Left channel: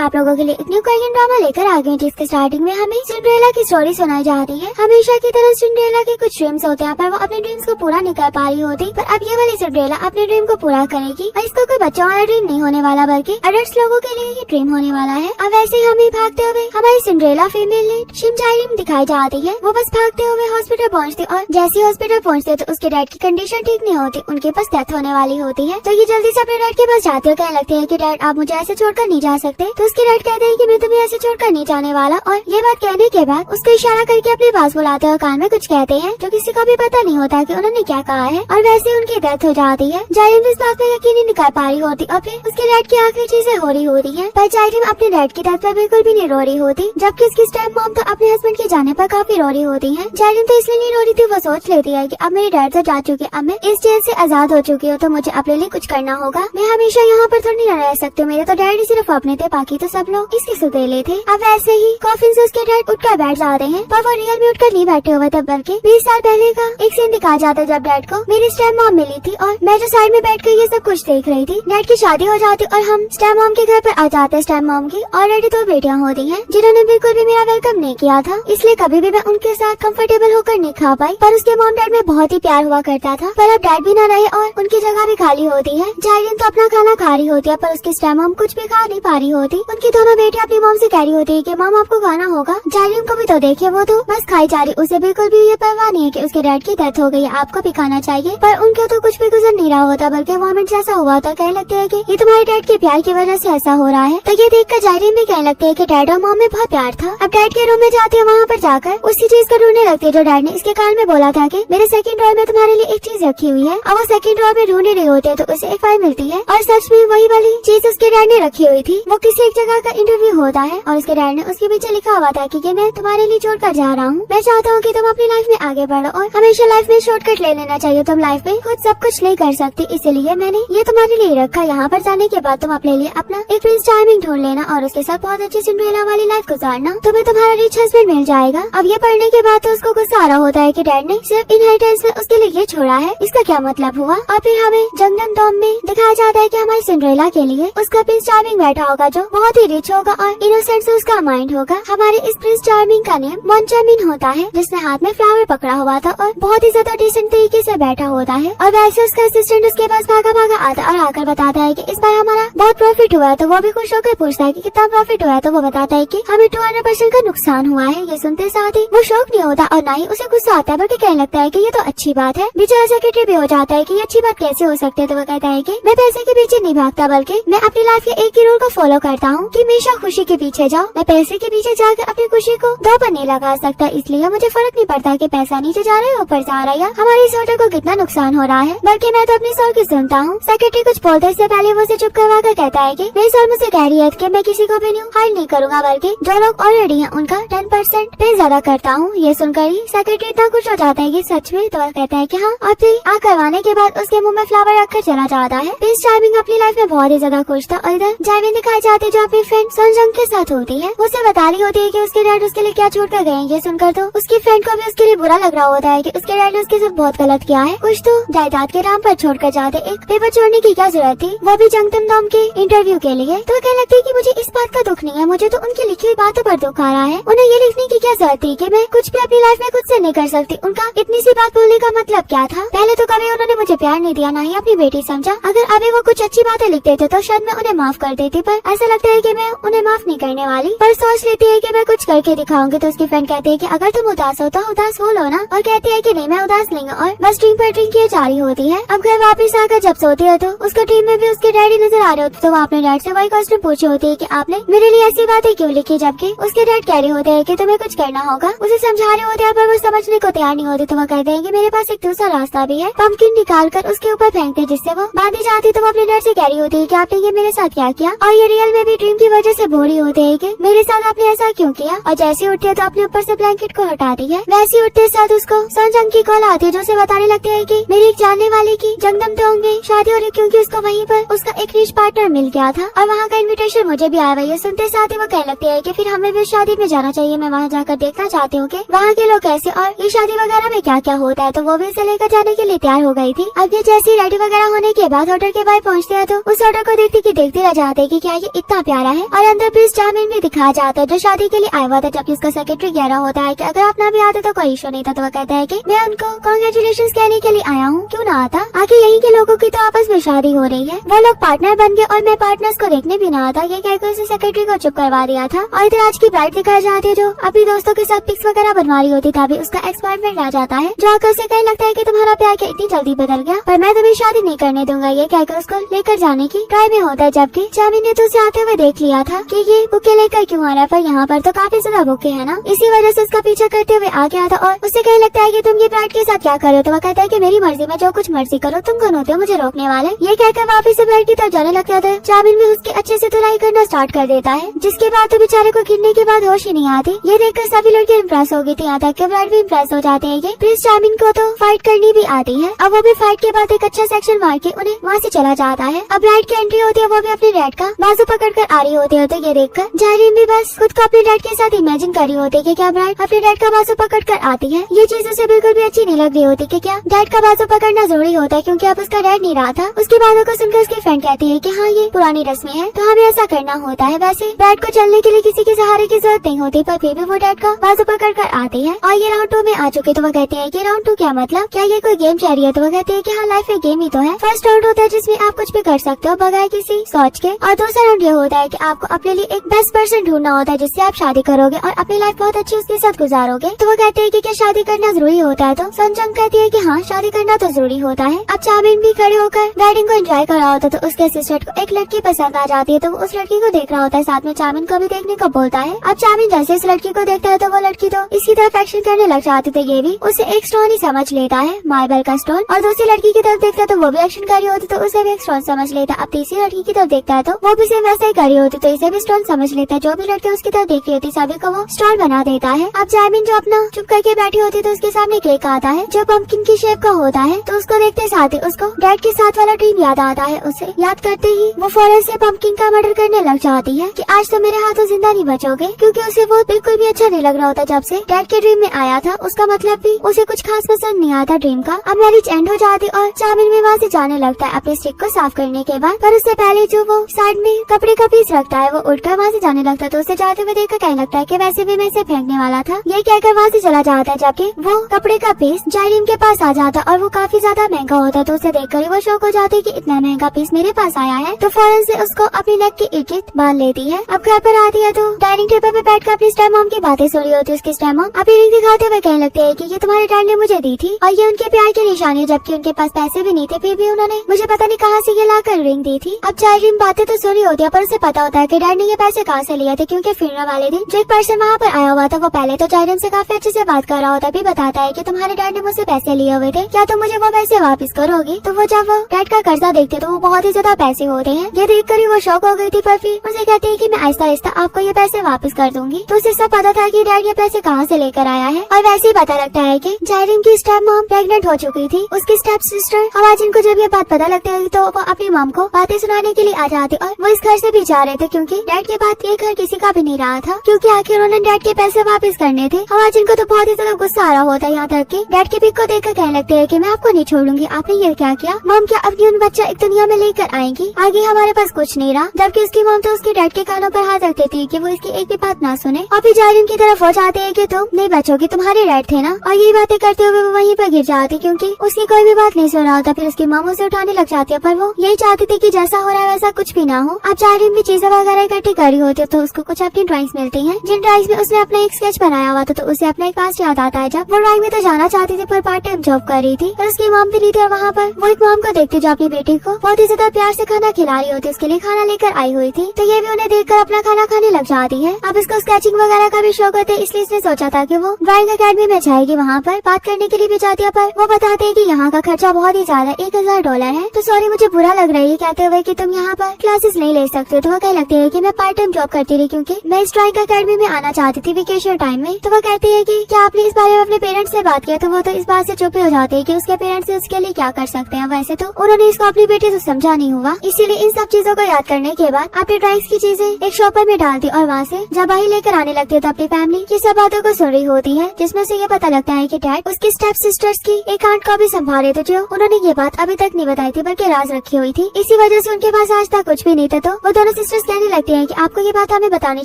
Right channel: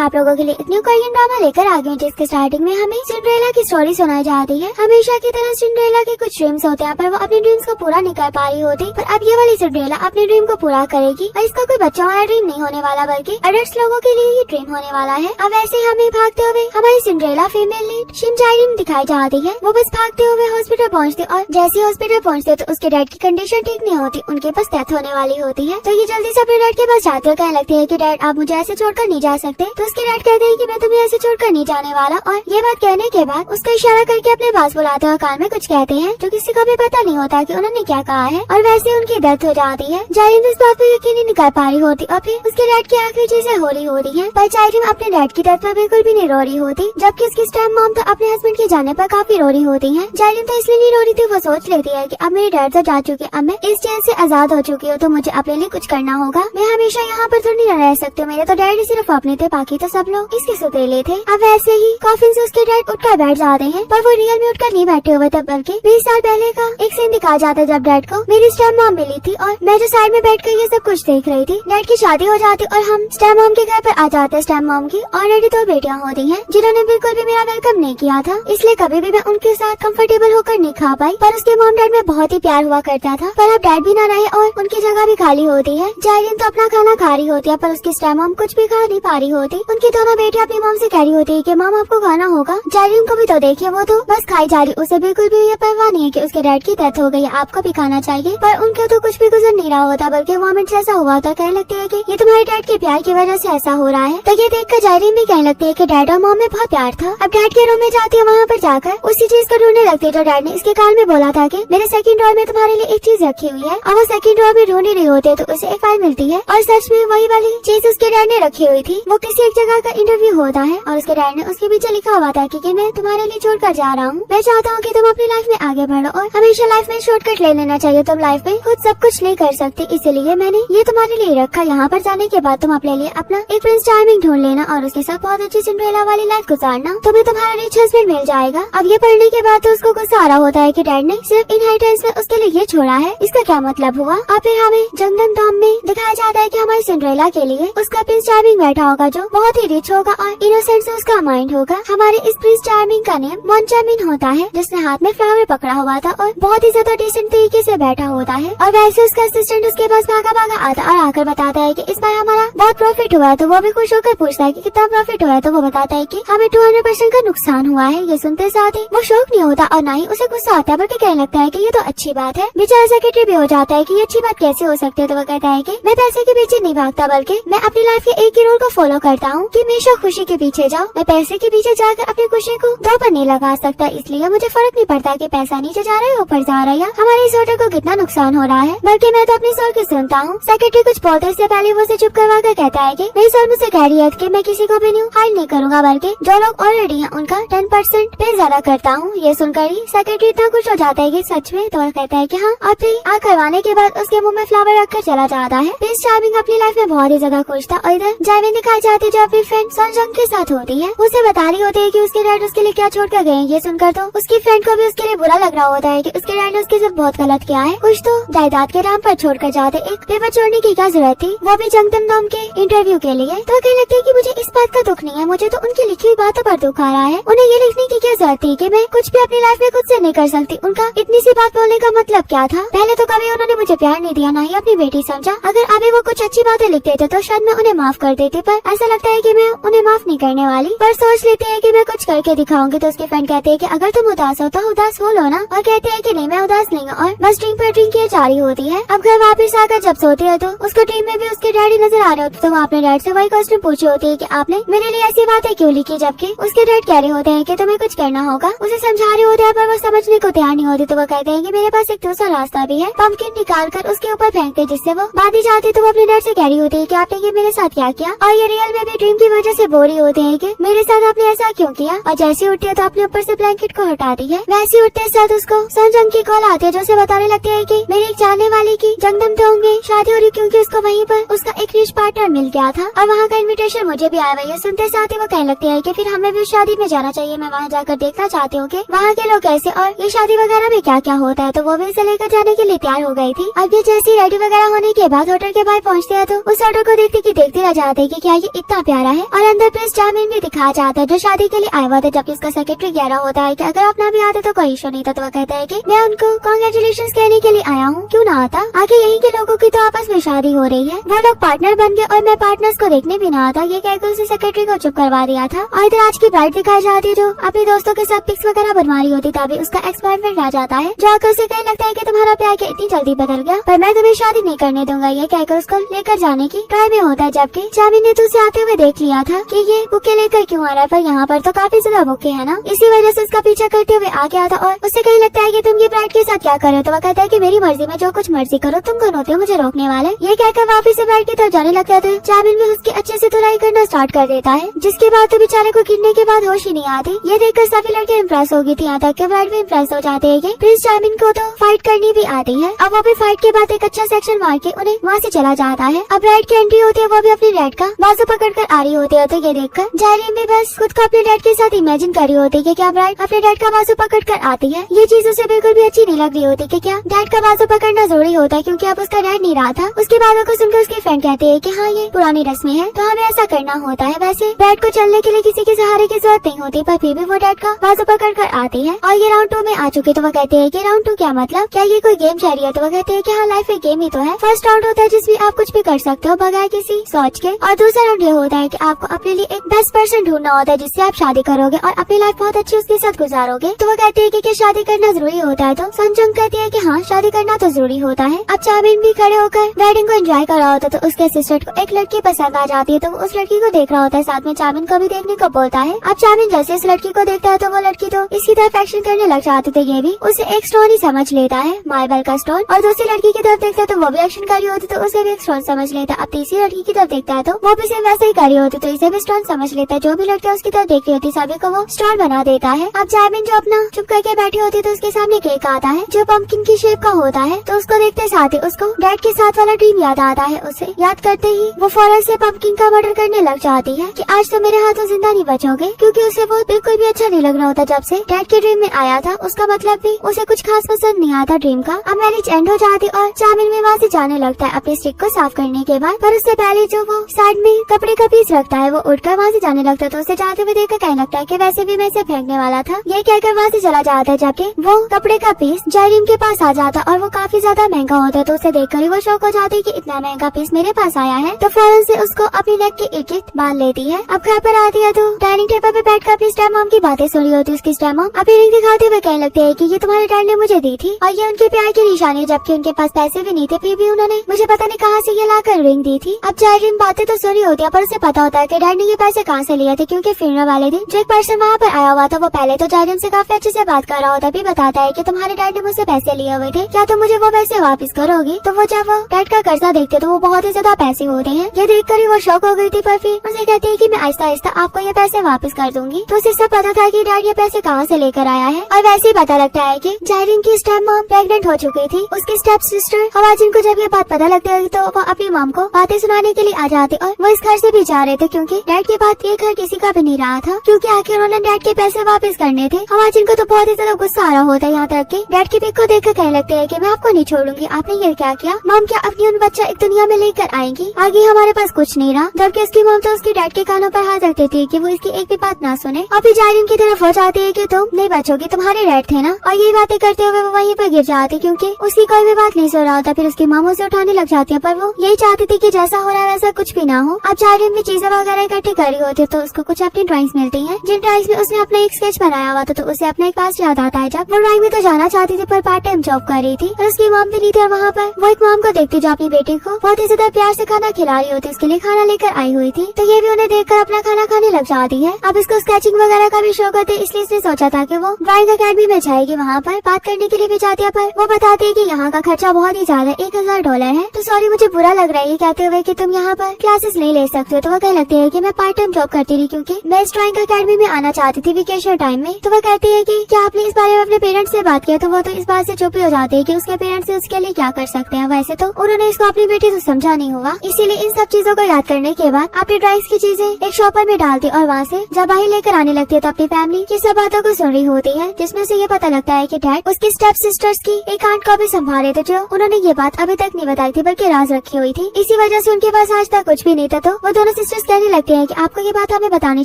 आप लोगों के लिए एक न्यू कोरियन ड्रामा लेकर आ गए, जिसके स्टार्टिंग में हमें सिंड्रेला की स्टोरी सुनाई जाती है। हमेशा की तरह सिंड्रेला के कुछ ड्रीम्स होते हैं, पर वो अपने ड्रीम्स को पूरा नहीं कर पा रही होती। पर अब ये वाली सिंड्रेला अपने ड्रीम को पूरा करेगी और इसका कोई बच्चों वाला ड्रीम नहीं होने वाला, बल्कि अडल्ट लोगों के लिए ये ड्रीम होने वाला है। अब ऐसे हमें भागते हुए हमारी सिंड्रेला फीमेल लीड शिम जाए-रिम दिखाई जाती है। वो बस भागते हुए हॉस्पिटल पहुँचते और जैसे हॉस्पिटल पहुँचते तो उसके डैड की कंडीशन ठीक नहीं होती, उनके पास डेथ होने वाली होती है। तो ये जल्दी से अपने डैड के पास जाते हैं, कहने लगती है कि डैड आप मुझे ऐसे छोड़कर नहीं जा सकते। तो उसके डैड कहते हैं कि मैं तुम्हें ऐसे छोड़कर नहीं जाने वाला। और ये बात कहने के बाद उसका इशारा करके अपने पास बुलाते हुए कान में कुछ कहते हैं, जो किसी को भी पता नहीं होता कि उन्होंने क्या कहा है। और वैसे उनकी डेथ हो जाती है। जाए-रिम इस बात पे यकीन नहीं कर पा रही होती और फिर उसके डैड की आखिरी चीजें हो रही होती है। पर जाए-रिम अपने डैड की डेथ पर बिल्कुल भी नहीं रो रही होती, जबकि उसकी स्टेप मॉम तो अपने हस्बैंड के जाने पर काफी रो रही होती है। जाए-रिम तो इसलिए नहीं रो रही थी, वो सोच लेती है कि अब मेरे डैड तो जा चुके, अब मैं इस जेल से आजाद हो चुकी हूँ, तो मुझे अपने लिए कुछ करना होगा। मैं हमेशा यहाँ पर थोड़ी नहीं रह सकती, मेरे तो डैड सिर्फ अपने थे, बाकी तो सब लोग इसके सुतेले थे। अब ऐसे ही कॉफिन से उसके डैड उठकर बैठ जाते हैं, पर वो रियल में उठकर नहीं बैठे हुए थे, बल्कि 20 साल पहले का एक सीन दिखाया जाता है, जब डैड को मेरी स्टेप मॉम मिली थी और मैं जो साइड में बैठ कर ये सब कुछ देख रही थी। डैड की शादी हो जाती और हम स्टेप मॉम के घर पर आ जाते हैं। स्टेप मॉम की ऑलरेडी 2 बेटियां होती हैं, जिन्होंने बिल्कुल भी मेरा वेलकम नहीं किया था, इसलिए कभी भी मैं उनके साथ कंफर्टेबल होकर नहीं खा पाई। पर उसके मॉम डैड में बहुत ही प्यार हुआ करता था, पर अब डैड भी ना रहे और उनकी जगह भी खाली होती है। जाए-रिम तो अपना खाना खा रही होती है, पर उसकी स्टेप मॉम कुछ भी खा नहीं पा रही होती। उनकी दोनों बेटियां अपनी मॉम से कह रही होती है कि मॉम आपको खाना होगा। जाए-रिम को भी तो देखिए, वो तो बस खाई जा रही, उसे बिल्कुल भी ये परवाह नहीं है कि उसके डैड की डेथ हो गई, आपको भी खाना चाहिए। पर उनके तो कुछ भी गुजर नहीं रहा होता, बल्कि मोमेंट ऐसा हुआ था, कहने लगती है कि ये तुम्हारे डैड के प्यार की वजह से ऐसा हो रहा है। तो ये देखकर जाए-रिम भी कहने लगती है कि डैड और मॉम में बहुत प्यार था। अब डैड के रूम में जाती है, वहाँ पर जाकर उसी चीज को ढूंढने लगती है जो डैड ने इसके कान में बोला था कि मेरे सेकंड ड्रॉअर में तुम्हारे लिए एक चीज रखी हुई है। अब वो सेकंड ड्रॉअर में ढूंढ रहे होते हैं तो उसे एक फाइल मिलती है और सच में वही वाली चीज उसके डैड ने रखी हुई थी। वो किसी एक जगह का इंटरव्यू होता है और उसके डैड ने उसके पीछे लिखा हुआ था कि मैं तुम्हारे लिए छोड़कर जा रहा हूँ। मैं चाहता हूँ कि तुम अपनी लाइफ में आगे बढ़ो और हमेशा लाइफ में शॉर्टकट ले लेना चाहिए, तुम लाइफ में खुद सब कुछ नहीं कर सकती, इसीलिए मैंने ये तुम्हारे लिए रखा। यहाँ पर जाने के बाद तुम अपने लिए अपना एक प्रिंस चार्मिंग ढूंढ लेना और उसके साथ बहुत अच्छी सिंड्रेला वाली लाइफ गुजारना, तुम्हें तुम्हारा रिच हस्बैंड मिल जाएगा। अब ये पढ़ने के बाद तो उसको गुस्सा आ रहा होता है कि डैड ने सिर्फ इनहेरिटेंस में उसके लिए ये छोड़ा है, इसका क्या मतलब हुआ। और फिर हमें जंगल टॉम में दिखाया जाता है कि हमारी सिंड्रेला के लिए उसका प्रिंस चार्मिंग बैठा होगा, जो बहुत ही रिच होगा और इनोसेंट से उसका माइंड होगा। हमारे इस प्रिंस चार्मिंग का नेम मोनचामिन होता है, जिसने हाथ में फ्लावर पकड़ा हुआ था और बहुत ही ज्यादा डिसेंट तरीके से बैठा होता है। और वैसे उसका असिस्टेंट उसके पास भागा भागा आता और आकर बताता है कि इस बार हमारा बहुत प्रॉफिट हुआ है। तो वो भी खुश होकर पूछता है कि कितना प्रॉफिट हुआ है, तो वो बताता है कि हमें 200% का नुकसान हुआ है। ये सुनते साथ ही वो शौक नहीं होता और ना ही उसे गुस्सा आता है, बल्कि कहने लगता है कि ये तो अच्छी बात है। बेचारा सेक्रेटरी भी हो जाता है कि ये अच्छी बात कैसे हो सकती है। तो वो कहता है कि मैं पैसे के पीछे नहीं भागता, बल्कि मैं अपनी लाइफ के एक ही रूल को फॉलो करता हूँ कि हमेशा खुशी के पीछे जाओ। मैं पैसे के पीछे जाकर अपनी खुशी को दो पर नहीं लगा सकता, इसलिए मुझे फर्क नहीं पड़ता कि पैसा नीचे जा रहा है ऊपर जा रहा है, हमारे इस होटल को कितना नुकसान हो रहा है, बल्कि मैं तो अपनी सोच की सुनता हूँ। सेक्रेटरी कुछ बोलते इससे पहले वो उसे चुप करवा कर कहता है कि मेरे साथ मुझसे कह रही है कि मैं किसी को भी न्यू हायर नहीं करूँगा, बल्कि जो लोग ऑलरेडी हैं उनका 10% पे ज्यादा करता हूँ। ये सुनकर ही सेक्रेटरी इतना खुश हो जाता है कि सच में। तो वह कहता है कि हाँ। और फिर करवाने के बाद उसके मुंह में फ्लावर रखकर चला जाता है। प्रिंस चार्मिंग अपनी लाइफ में बहुत ही ज्यादा खुश था और इधर जाए-रिम दिखाई जाती है जो अपनी फ्रेंड सोनजंग के साथ होती है। उसे बता रही होती है कि उसके डैड उसके लिए क्या छोड़ कर गए। ये सुनकर तो उसकी फ्रेंड को भी उसके लिए बुरा लग रहा होता है कि उसके डैड ने उसके साथ बहुत गलत किया है, कुछ तो जायदाद के नाम पर छोड़कर जाते, एक पेपर छोड़ने की क्या जरूरत थी, वो भी जंगतम नाम के इंटरव्यू के लिए। तो कहने लगती है कि मुझे इस बात का दुख नहीं है, मुझे तो उनकी लिखी हुई बातों पर दुख आ रहा है। उन्हें ये लिखने की क्या जरूरत थी कि मैं कुछ भी अपनी लाइफ में खुद से नहीं कर सकती। उनका इतनी सी बात बोलने का मतलब क्या था। पहले तो कभी उन्होंने मुझे प्यार नहीं दिया, ना ही अपनी बेटी समझा। अगर अभी वो कुछ अच्छी बातें लिखते थे तो शायद मैं उन्हें माफ कर देती, पर ऐसा लगता है कि मैं उन्हें माफ नहीं करने वाली। पर सोच लेती है कि मैं कुछ करके दिखाऊंगी। तो उसकी फ्रेंड कहती है कि अगर तुम उदास हो तो उदास हो लो ना, और कहती है कि नहीं मैं उदास नहीं हूँ, और बस ड्रिंक पर ड्रिंक किया जा रही होती है। अब घर वापस आकर जब सोती है तो उसका ड्रीम में भी उसके डैडी नजर आ रहे होते, तो वो अपने डैड से वही क्वेश्चन पूछी होती है कि आपने मेरे लिए ऐसी बातें क्यों लिखी, जबकि उसके डैड कह रहे होते हैं कि तुम्हें कुछ करना होगा। उसे समझा रहे होते हैं पर वो समझने को तैयार नहीं होती। तो वो कहते हैं कि मेरे पास एक दूसरा रास्ता भी है। पंपकिन निकाल कर उसके ऊपर फेंकते, जिससे वो बांधी जाती। तो वो अपने डैड से कह रही होती है कि आपने ये मेरे साथ क्या किया, और ये रियल में भी ड्रीम की वजह से बोल रही होती है कि मेरे साथ आपने ऐसा क्यों किया। और जैसे उठते तो अपने ऊपर से ब्लैंकेट को हटाती है। वैसे उठते साथ उसको सोनजंग की कॉल आती है, जो उसे बताने लगती है कि मेरी एक जानने वाले की जंगदम टोंग में शादी हो रही, क्योंकि उसको वहीं पर उसका एक रिच पार्टनर मिल गया था और वहाँ का इनविटेशन मुझे भी आया हुआ है। सुनते साथ ही वो कहने लगती है कि फिर हमें भी शादी में जाना चाहिए, मैं वहाँ जाकर देखना चाहती हूँ कि वहाँ के लोग कैसे और ये शादी वगैरह में क्या क्या होता है। तो वो भी इसे लेकर जाने के लिए तैयार हो गई थी। अब ये जैसी रेडी वगैरह होने के बाद होटल के बाहर पहुँचते हैं तो उस ऑटो को देखते कि देखते रह जाते कि क्या ये इतना प्यारा है। और अंदर प्रिंस चामिन भी दिखाया जाता है जो शादी के लिए आया हुआ था। जब इसका सेक्रेटरी कह रहा होता है कि अगर आप ना भी आते तो कोई इशू नहीं था, तो वो कहता है कि मैं उनको कांग्रेचुलेशंस कहने के लिए आया हूँ, क्यों ना आता, आगे यहीं के लोगों की तो आपस में शादी हो रही है। वो लोग पार्टनर बन गए और मैं पार्टनर्स को देखने भी ना आता। ये कहकर उसे सेक्रेटरी को चुप करवा दिया था। और इधर आज की ब्राइड दिखाई जाती है जो अपने दोस्तों के साथ पिक्स वगैरह बनवा रही होती, तभी उसका एक्स बॉयफ्रेंड आ जाता है जो आकर से कहने लगता है कि तुम्हारा प्यार क्या इतनी जल्दी बदल गया, पर मैं तुम्हें शादी नहीं करने दूंगा। ये कहकर उसको लेकर जाने की ट्राई में होता है, जबकि चामिन ने तो उसे आते हुए देख लिया था कि ये बुके लेकर क्यों आ रहा है, पर यहाँ पर तो काफी ज्यादा बुके है ना, इसी वजह से उसका पीछा करते हुए आ गया था। और उससे कहने लगता है कि तुम ये ब्राइड के साथ क्या कर रहे हो, तो वो कहता है कि मेरी मर्जी में जो कुछ मर्जी करो, तुम कौन होते हो मुझे रोकने वाले। ये कहकर वापिस से ब्राइड की तरफ जाने लगता है। चामिन भी उसकी अच्छे से धुलाई करना स्टार्ट कर देता है, जिसके बाद तो बेचारे को गिरने के बाद होश ही नहीं आती। ये देखकर सभी लड़के इम्प्रेस हो गई थी, यहाँ तक कि ब्राइड भी इम्प्रेस हो जाते हैं। प्रिंस चामिन को तो फाइट करनी भी आती है। अब वो भी फाइट के बाद एक अच्छा सेक्शन मार के उन्हें वहाँ से चला जाता है। अब ब्राइड की एंट्री होती है, वो भी अपनी डैड का बाजू पकड़ कर आ रही होती है। तो ये देखकर जायरीन भी बस खुद को अपने डैड के साथ इमेजिन कर रही होती है कि क्या ब्राइड अपने डैड का बाजू पकड़ कर आती है। ये चीज उसे बिल्कुल भी अच्छी नहीं लग रही होती कि क्या डैड का बाजू पकड़ना जरूरी होता है, क्योंकि अब उसका डैड नहीं रहा था। उसकी बातों को सुनकर उसकी फ्रेंड कहती है कि हाँ ये पुरानी रस्में है, तो हमें ऐसा करना होता है। वैसे ब्राइड को चलने के लिए किसी के सहारे की जरूरत नहीं होती, पर फिर भी वो डैड का बाजू पकड़ कर आती है। और ये राउंड 2 में आ चुके, तो वो कहते हैं कि राउंड 2 क्या मतलब, क्या ये कोई गेम चल रही है, तो वो कहते हैं कि हाँ लाइफ एक गेम ही तो है। फर्स्ट राउंड होता है जिसमें आप कुछ भी कर सकते हो बगैर किसी सोच के, और दूसरा राउंड ये होता है कि आपको अपने लिए एक बेस्ट पर्सन ढूंढना होता है जिससे आप शादी करोगे और अपनी लाइफ बहुत अच्छी उसके साथ गुजारोगे। तो वो कहते हैं कि क्या शादी करना जरूरी होता है, तो संजंग कहती है कि हाँ शादी करना तो जरूरी होता है। अब चामिन भी खड़े होकर वेडिंग को एंजॉय कर रहा होता है, तो उसके असिस्टेंट को एक लड़की पसंद आ जाती है, तो उस लड़की को देख रहा होता है, साथ में चामिन को भी देखने को बोलता है। अब चामिन जैसे इस लड़की को देखता है तो वो लड़की तो इसकी तरफ एक्शन करने लग जाती थी। ये भी उसे एक स्टोन ही समझ लेता है, मार्बल का स्टोन, और दूसरी लड़की की तरफ देखता है तो वो भी एक्शन कर रही होती, तो उसे भी एक स्टोन समझ लेता है। अब तीसरी लड़की की तरफ देखता है तो वो भी सेम वैसे ही कर रही होती, तो इसे भी स्टोन समझ लेता है। जो भी लड़कियां उसकी तरफ देख रही होती सभी को वो स्टोन बना देता है। अब चामिन जो अपना चुप करके बैठे होते तो उसके सामने केक आता है जो पंपकिन की शेप का होता है, तो उसको देखते साथ ही उसको डैड के साथ वाला ड्रीम याद आता है। उसे याद करते ही वो फौरन से पंपकिन का मर्डर करने लग जाती है कि आज तो मेरे हाथों जिंदा नहीं बचोगे, क्योंकि उसे वो बिल्कुल भी अच्छा नहीं लग रहा होता जब से डैड के ड्रीम में आया था। उसका मतलब भी उसे कुछ खास पसंद नहीं आता ड्रीम का। अब मैरिज एंड हो जाती और चामिन भी वहाँ से जाने लगता है अपनी स्टिक को साफ करने के बाद, पर उससे पहले जो वो साइड में कपड़े का पीस रखता है वो उठकर वहाँ से जाने लगता है। तो उसे जाते हुए देखकर कहने लगता है कि वैसे भी मैं इसे फेंकने वाला था। ये कहकर वहाँ से चला जाता है, जबकि वो कपड़े का पीस जायरीन के पास आ जाता और वो काफी ज्यादा महंगा होता है, तो उसे देखकर वो शौक हो जाती है कि इतना महंगा पीस मेरे पास आया है। तो फौरन से उसको अपनी नेक की इकिट बांध लेती है। अब घर पर आती है तो डाइनिंग टेबल पे बैठकर अपनी स्टेप मॉम की बातें सुन रही होती है। उसकी स्टेप मॉम अपनी रिंग दिखाते हुए कहने लगते हैं कि ये तुम्हारे डैड ने मुझे दी थी और ये उनके प्यार की निशानी है, जबकि उनके पास पैसे भी नहीं थे, फिर भी उन्होंने मुझे पता नहीं कहाँ से ये लाकर रिंग दी थी। अब जायरीन बातें तो सुनी होती है, पर उसे पता होता है कि डैड ने ये पैसे कहाँ से लिए थे, क्योंकि फिरने वाले दिन जो एक पर्सन वहाँ पर आया हुआ था वो पहले तो जायरीन से काफी अच्छे से बात कर रहा होता है, भी बताता है कि तुम्हारे डैड ने मुझसे पैसे लिए हुए थे, क्या तुम मुझे वो पैसे वापस करोगी। तो वो जब वो डैड का कर्जा देखते तो वो बहुत ही ज्यादा पैसे होते हैं। ये देखकर ही वो शौक हो गई थी, पर फिर उसे कहते हैं कि मैं आहिस्ता आहिस्ता आपको ये पैसे वापस कर दूंगी। तो उससे पता था कि डैड ये पैसे कहाँ से लेकर आया है, और वैसे ही पता लगता है कि जायरीन की स्टेप मॉम प्रेग्नेंट हो चुकी थी। उसकी स्टेप सिस्टर हवाजिन को जब ये बात पता लगता है तो वो अपनी मॉम को बातें सुनाने के लिए आ जाते और वो इस घर से भी जा रहे थे, क्योंकि डैड के बाद ये घर किसी का भी नहीं रहा था, क्योंकि आखिर उन्होंने डैड के पैसे वापस करने थे। हवाजिन को तो बहुत ही ज्यादा गुस्सा आ रहा होता है, यहाँ तक कि डैड के पिक को देखकर कहने लगते हैं कि मैं आपको नहीं छोड़ूंगी, आपने ये क्या किया। मॉम क्या अपनी उन बच्चा एक दुनिया में लेकर आएंगी, आगे हमारे पास कुछ नहीं रहा। जबकि उसकी मॉम तो उसके डैड के कानों पर हाथ रख देती है कि वो इसकी एक भी बात ना सुने, और फिर जायरीन की तरफ हो जाते हैं कि तुम नहीं बचोगी, तुम्हारे डैड थे ना। और ये बातें करते हुए वो वहीं पर गिर जाती, क्योंकि उसकी कोई भी बात नहीं सुन रहा था। फिर उसकी मामों से उठाने लग जाती है, पर वो यही चाहती थी कि जैसा हो रहा है वैसा कुछ भी ना हो। अब जायरीन भी चीजें वगैरह इकट्ठी कर रही होती है, तो उसको कुछ अपनी ड्राइंग्स मिलती हैं, जिन ड्राइंग्स में उसने अपना एक स्केच बनाया हुआ था। तो उसे अपना एक पास्ट याद आता है जब वो ड्राइंग में तो जाना चाहती थी पर पार्ट टाइम जॉब कर रही थी, और उसकी मॉम भी नहीं थी। वहाँ पर वो एक मॉम को देखते जो अपनी बेटी को बहुत ही ज्यादा प्यार से खाना खिला रही होती, उसके लिए खाना लेकर आई हुई थी। तो ये भी उन्हें देखकर अपना खाना खाने लग जाती है। अब इसको स्केचिंग वगैरह का भी शौक होता है, इसलिए इसने सोचा था कि वो ड्राइंग अकेडमी में जाएगी, वहाँ पर बात करने के लिए भी जाती है, पर वो बताते हैं कि यहाँ का खर्चा बहुत ही ज्यादा $1000 है। तो सॉरी मुझे बुरा लग रहा है ये कहते हुए कि तुम यहाँ पर क्लासेस नहीं ले सकते। तो वो कहने लगते हैं कि मैं पार्ट टाइम जॉब करती रही, क्योंकि मैं इस ड्राइंग अकेडमी में आना चाहती थी वेकेशन टाइम में। तो वो कहती है कि क्या आपने इस बारे में अपने पेरेंट्स से बात किया। तो वो तो इस बात से चुप हो जाते हैं कि उसके पेरेंट्स उसके लिए क्या कर सकते हैं। वैसे तो उन्होंने इसको अपनी बेटी से समझा नहीं होगा, इसीलिए इन सब चीजों को याद करने के बाद अपने ड्राइंग्स की चीजें एक शॉपर में डालती और वहाँ से जब बाहर लेकर आने लगती है तो अपनी फैमिली की सब बातों को सुन रही होती है, जिसमें से ये पता लगता है कि डैड उसकी स्टेप सिस्टर्स की एक आंट को भी संभाले थे, जो उन्होंने ये बात अभी तक नहीं बताई थी बल्कि राज रखी हुई थी। इसी वजह से उनके पास आज तक कुछ भी नहीं था। तो वो दोनों सिस्टर्स कहने लगते हैं कि आपको ये बात हमें बतानी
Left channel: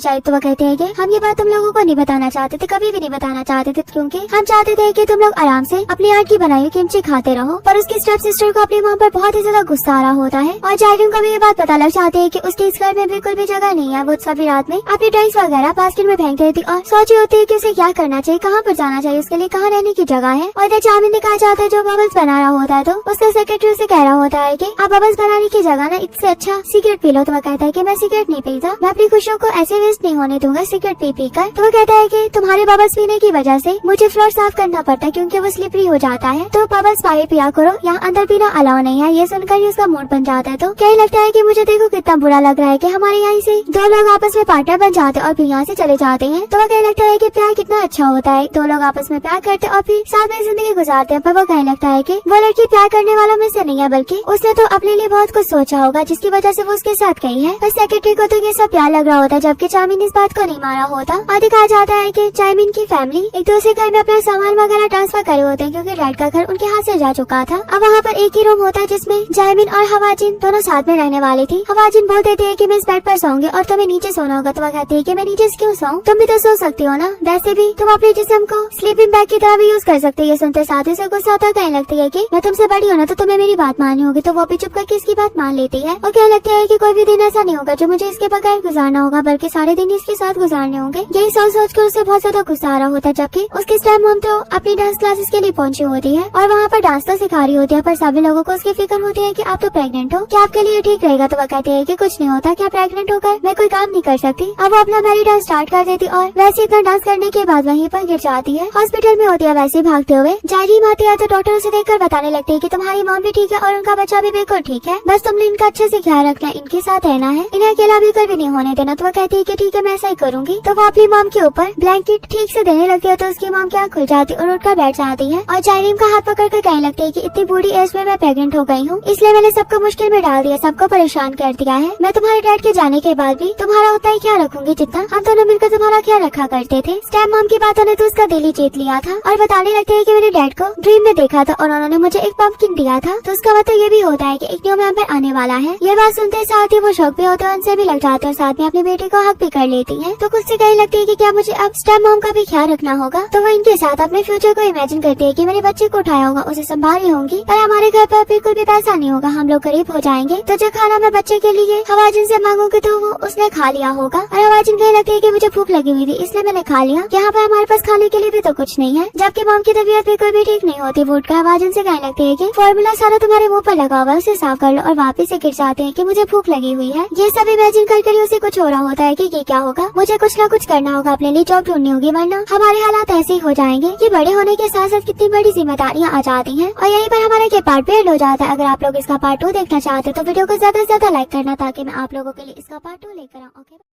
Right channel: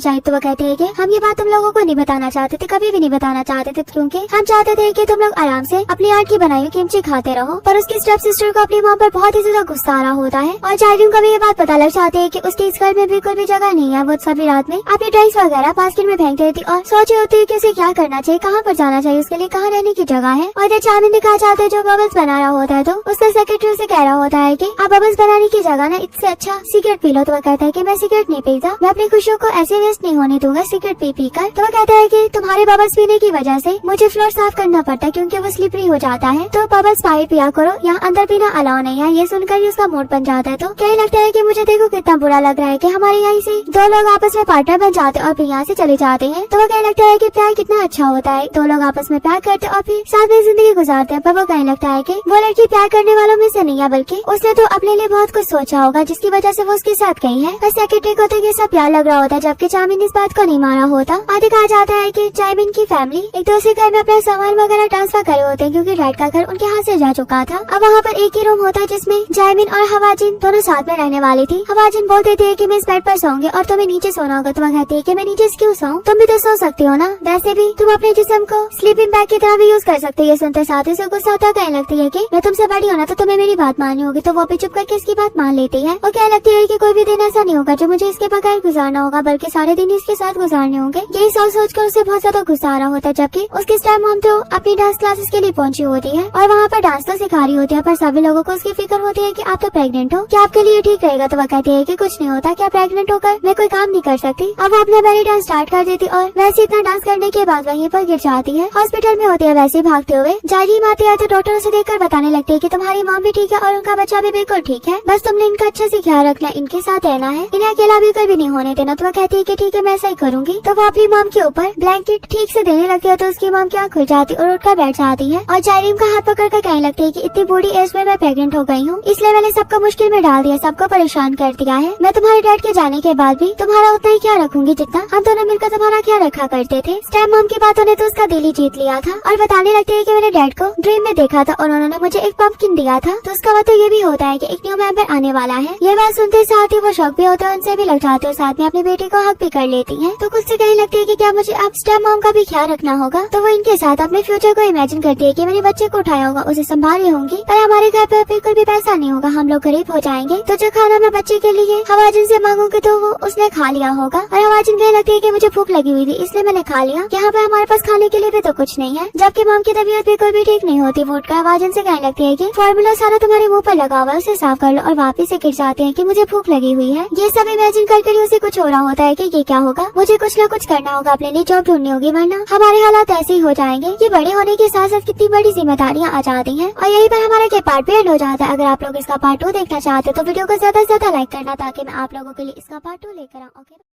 चाहिए। तो वो कहते हैं कि हम ये बात तुम लोगों को नहीं बताना चाहते थे, कभी भी नहीं बताना चाहते थे, क्योंकि हम चाहते थे कि तुम लोग आराम से अपनी आंट की बनाई हुई किमची खाते रहो। पर उसकी स्टेप सिस्टर को अपनी माँ पर बहुत ही ज्यादा गुस्सा आ रहा होता है और जायरिम को भी ये बात पता लग जाती है कि उसके इस घर में बिल्कुल भी जगह नहीं है। वो सभी रात में अपने ड्रेस वगैरह बास्केट में फेंक देती और सोची होती है कि उसे क्या करना चाहिए, कहाँ पर जाना चाहिए, उसके लिए कहाँ रहने की जगह है। और इधर चामिन दिखाया जाता है जो बबल्स बना रहा होता है। तो उसका सेक्रेटरी उसे कह रहा होता है कि आप बबल्स बनाने की जगह ना इससे अच्छा सिगरेट पी लो। तो वो कहता है कि मैं सिगरेट नहीं पीता, मैं अपनी खुशियों को ऐसे वेस्ट नहीं होने दूंगा सिगरेट पी कर। तो वो कहता है कि तुम्हारे बबल्स पीने की वजह से मुझे फ्लोर साफ करना पड़ता है क्योंकि वो स्लिपरी हो जाता है, तो बबल्स बाहर पिया करो, यहाँ अंदर पीना अलाउ नहीं है। ये सुनकर उसका मूड बन जाता है। तो क्या लगता है कि मुझे देखो कितना बुरा लग रहा है कि हमारे यहाँ से दो लोग आपस में पार्टनर बन जाते और फिर यहाँ से चले जाते हैं। तो वो कहने लगता है कि प्यार कितना अच्छा होता है, दो लोग आपस में प्यार करते और फिर साथ में जिंदगी गुजारते हैं। पर वो कहने लगता है कि वो लड़की प्यार करने वालों में से नहीं है, बल्कि उसने तो अपने लिए बहुत कुछ सोचा होगा जिसकी वजह से वो उसके साथ गई है। पर सेक्रेटरी को तो ये सब प्यार लग रहा होता है, जबकि चामिन इस बात को नहीं मारा होता। और दिखाया जाता है कि चामिन की फैमिली एक दूसरे घर में अपना सामान वगैरह ट्रांसफर करे होते हैं क्योंकि डैड का घर उनके हाथ से जा चुका था। अब वहाँ पर एक ही रूम होता है जिसमें जायमिन और हवाजिन दोनों साथ में रहने वाली थी। हवाजिन बोल देती है कि मैं इस बेड पर सोऊंगी और तुम्हें नीचे सोना होगा। तो वह कहती है कि मैं नीचे क्यों सोऊं, तुम भी तो सो सकती हो ना, वैसे भी तुम अपने जिस्म को स्लीपिंग बैग की तरह भी यूज कर सकते हो। ये सुनते साथ ही से गुस्सा होता है, कहने लगती है कि मैं तुमसे बड़ी हूं ना, तो तुम्हें मेरी बात माननी होगी। तो वो भी चुप करके इसकी बात मान लेती है और कहने लगती है कि कोई भी दिन ऐसा नहीं होगा जो मुझे इसके बगैर गुजारना होगा, बल्कि सारे दिन इसके साथ गुजारने होंगे। यही सोच कर उसे बहुत ज्यादा गुस्सा आ रहा होता है, जबकि उसकी स्टेप मॉम तो अपनी डांस क्लासेस के लिए पहुंची होती है और वहाँ पर डांस तो सिखा रही होती है। पर सभी लोगों को उसकी फिक्र होती है कि आप तो प्रेग्नेंट हो, क्या आपके लिए ठीक रहेगा। तो वह कहती है कि कुछ नहीं होता, क्या प्रेग्नेंट होकर मैं कोई काम नहीं कर सकती। अब वो अपना बैली डांस स्टार्ट कर देती और वैसे इतना डांस करने के बाद वहीं पर गिर जाती है। हॉस्पिटल में होती है वैसे भागते हुए। जायरिम आती है तो डॉक्टर उसे देखकर बताने लगती है कि तुम्हारी मॉम भी ठीक है और उनका बच्चा भी बिल्कुल ठीक है, बस तुमने इनका अच्छे से ख्याल रखना, इनके साथ रहना है, इन्हें अकेला बिल्कुल भी नहीं होने देना। तो वो कहती है कि ठीक है मैं ऐसा ही करूंगी। तो वो अपनी मॉम के ऊपर ब्लैंकेट ठीक से देने लगती है तो उसकी मॉम की आँख खुल जाती और उठकर बैठ जाती है और जायरिम का हाथ पकड़ कर कहने लगती है कि इतनी बूढ़ी एज में मैं प्रेग्नेंट हो गई हूँ, इसलिए मैंने सबको मुश्किल में डाल दिया, सबको परेशान कर दिया है। मैं तुम्हारे डैड के जाने के बाद भी तुम्हारा उतना ही ख्याल रखूंगी जितना हम दोनों मिलकर तुम्हारा ख्याल रखा करते थे। स्टेप मॉम की बातों ने तो उसका दिल ही जीत लिया था और बताने लगते है कि मैंने डैड को ड्रीम में देखा था और उन्होंने मुझे एक पंपकिन दिया था। तो उसका मतलब ये भी होता है कि एक न्यू मेंबर आने वाला है। ये बात सुनते साथ ही वो शौक भी होते हैं, उनसे भी लग जाते हैं और साथ में अपने बेटे को हक भी कर लेती है। तो कुछ से कहने लगती है कि क्या मुझे अब स्टेप मॉम का भी ख्याल रखना होगा। तो वो इनके साथ अपने फ्यूचर को इमेजिन करती है कि मैंने बच्चे को उठाया होगा, उसे संभाली होंगी, पर हमारे घर पर बिल्कुल भी पैसा नहीं होगा, हम लोग गरीब हो जाएंगे। तो जो खाना मैं बच्चे के लिए हवाजिन से मांगूंगी तो वो उसने खा लिया होगा। और हवाजिन कहने लगती है कि मुझे भूख लगी हुई थी इसलिए मैंने खा लिया, यहाँ पर हमारे पास खाने के लिए भी तो कुछ नहीं है। जबकि मॉम की तबीयत बिल्कुल भी ठीक नहीं होती। वो उठकर हवाजिन से कहने लगती है कि फॉर्मूला सारा तुम्हारे मुंह पर लगा हुआ है, उसे साफ कर लो। और वापस से गिर जाते हैं कि मुझे भूख लगी हुई है। ये सब इमेजिन करके उसे कुछ हो रहा होता है कि ये क्या होगा, मुझे कुछ न कुछ करना होगा, अपने लिए जॉब ढूंढनी होगी, वरना हमारे हालात ऐसे ही हो जाएंगे। ये बड़े होने के साथ साथ कितनी बड़ी जिम्मेदारियां आ जाती हैं। और यहीं पर हमारा ये पार्ट भी एंड हो जाता है। अगर आप लोग इसका पार्ट 2 देखना चाहते हो तो वीडियो को ज्यादा से ज्यादा लाइक करना ताकि मैं आप लोगों के लिए इसका पार्ट 2 लेकर आऊँ। ओके।